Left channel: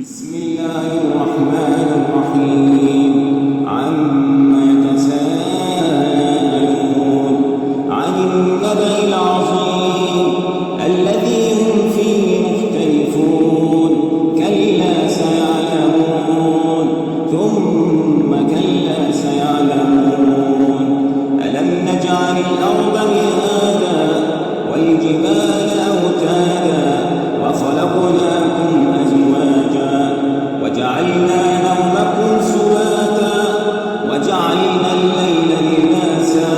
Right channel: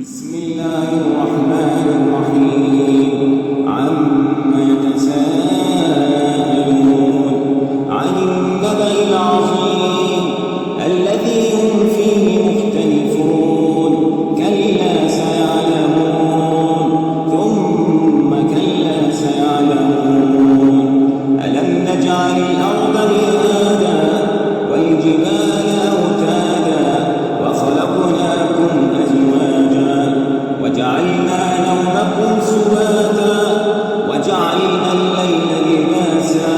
بسم الله الرحمن الرحيم عما يتساءلون عن النبأ العظيم الذي هم فيه مختلفون كلا سيعلمون ثم كلا سيعلمون ألم نجعل الأرض مهادا والجبال أوتادا وخلقناكم أزواجا وجعلنا نومكم سباتا وجعلنا الليل لباسا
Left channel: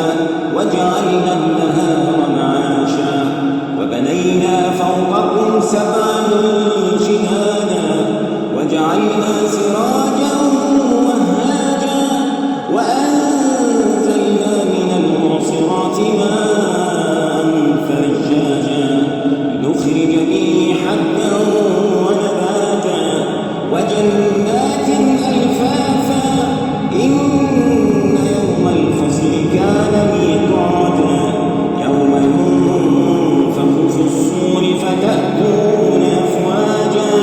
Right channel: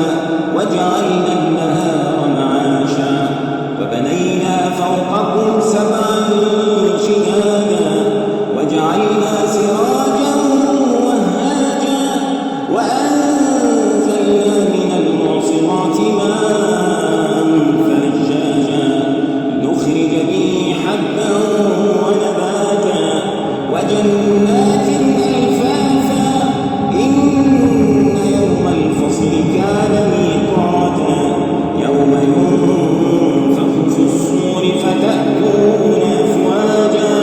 وجعلنا النهار معاشا وبنينا فوقكم سبعا شدادا وجعلنا سراجا وهاجا وأنزلنا من المعصرات ماء ثجاجا نخرج به حبا ونباتا وجنات ألفافا إن يوم الفصل كان ميقاتا يوم ينفخ في الصور فتأتون أفواجا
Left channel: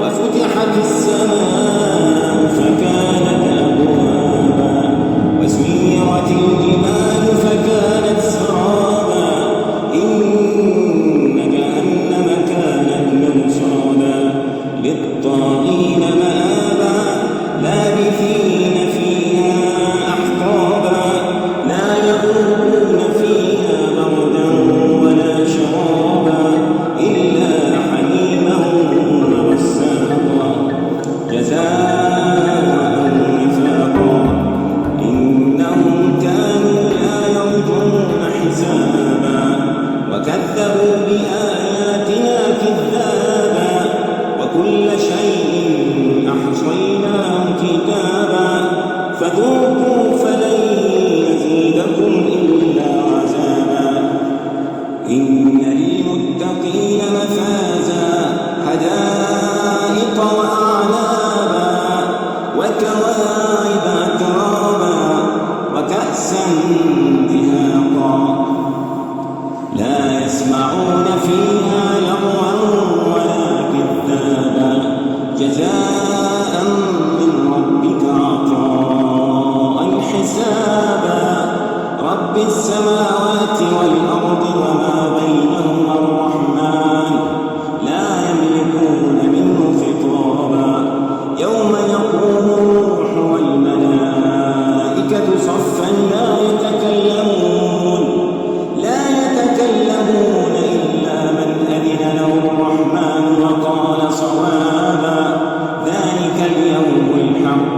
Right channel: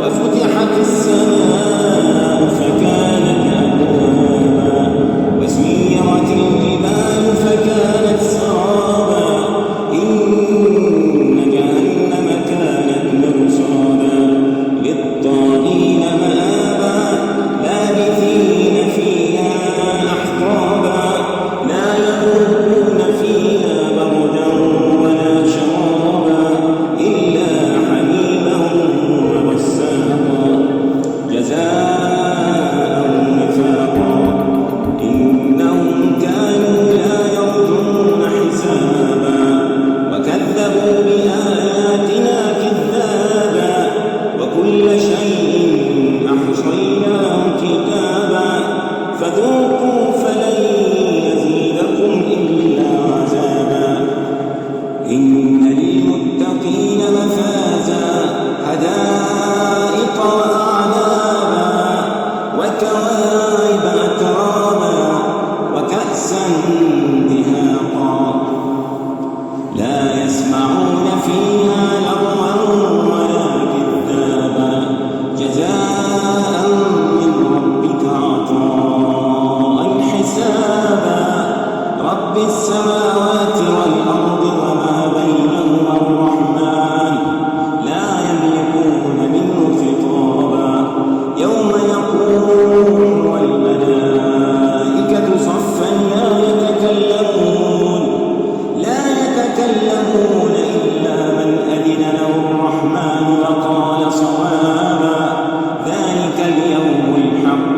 وفتحت السماء فكانت أبوابا وسيرت الجبال فكانت سرابا إن جهنم كانت مرصادا للطاغين مآبا لابثين فيها أحقابا لا يذوقون فيها بردا ولا شرابا إلا حميما وغساقا جزاء وفاقا إنهم كانوا لا يرجون حسابا وكذبوا بآياتنا كذابا وكل شيء أحصيناه كتابا فذوقوا فلن يزيدكم إلا عذابا إن للمتقين مفازا حدائق وأعنابا وكواعب أترابا وكأسا دهاقا لا يسمعون فيها لغوا ولا كذابا جزاء من ربك عطاء حسابا رب السماوات والأرض وما بينهما الرحمن لا يملكون منه خطابا يوم يقوم الروح والملائكة صفا لا يتكلمون إلا من أذن له الرحمن وقال صوابا ذلك اليوم الحق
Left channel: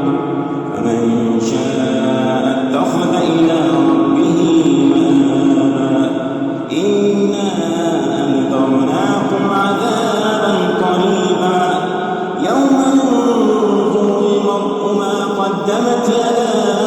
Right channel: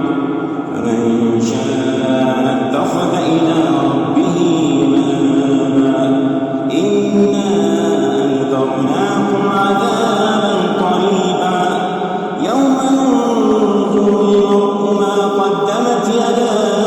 فمن شاء اتخذ إلى ربه مآبا إنا أنذرناكم عذابا قريبا يوم ينظر المرء ما قدمت يداه